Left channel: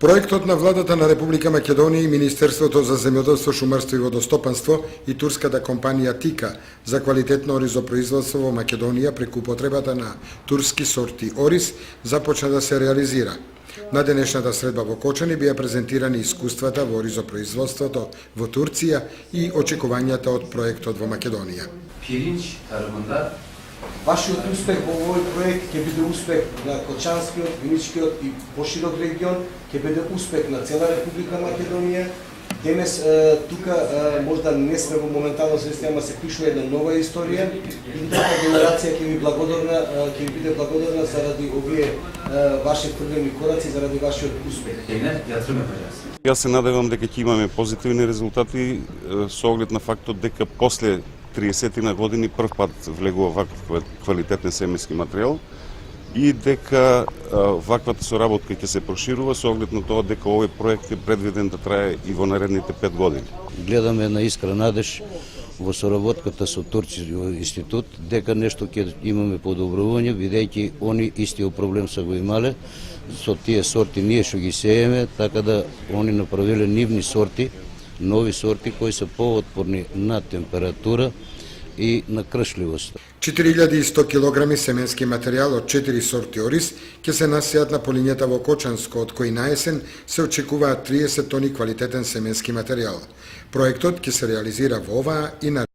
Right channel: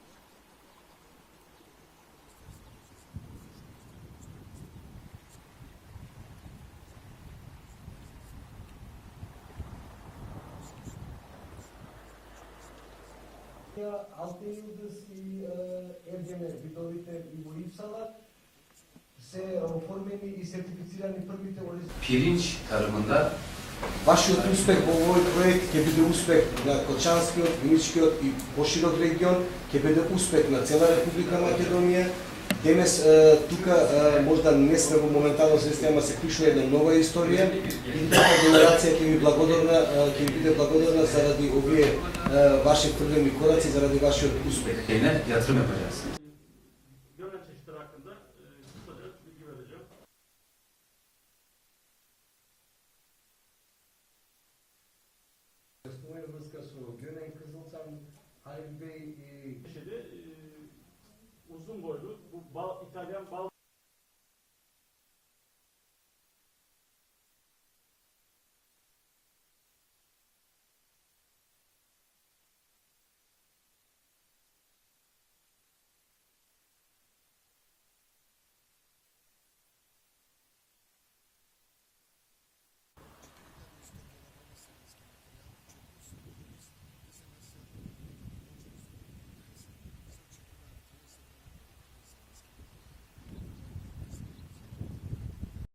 Проектот на владата на Република Македонија и Министерството за земјоделство, шумарство и водостопанство и турската компанија Тика за квалитетно оризопроизводство во Македонија преку употребата на турски сорти ориз започна да се реализира. На денешната средба во Кочани беа презентирани искуствата во оризопроизводството во Турција и очекувањата од проектот во Македонија. Pirinç tarımında Вашиот успех во овој проект ќе биде успех на Кочанскиот, Виничкиот и поширок регион, ќе биде успех на цела Република Македонија. Денес тука можда не сме во моментално состојание, се пишува една нова историја и таа генерација ќе ви биде благодарна заради овие ваши првени кораци, заради вашиот успех. yine yatırım yapacağız. Јас се надевам дека ќе имаме позитивни резултати со оглед на фактот дека после 30 на години прв пат влегува ваков квалитетен семенски материјал и дека ваквата соработка ќе се проширува со оглед на тоа дека овој проект е предвиден да трае и во наредните 5 години. Гледаме една искра надеж во соработката со Турскиот институт дека нешто ќе имаме подобрување, бидејќи они истиот проблем се го имале со тие сорти ние што ги сееме, така да они направиле нивни сорти, нови сорти кои се поотпорни на температура и на кршливост. 4100 кг семенски материјал од 4 сорти ориз ќе се насеат на полињата во Кочанско, од кои на есен се очекуваат 30 тони квалитетен семенски материјал. Проектот ќе се реализира во оваа и наредните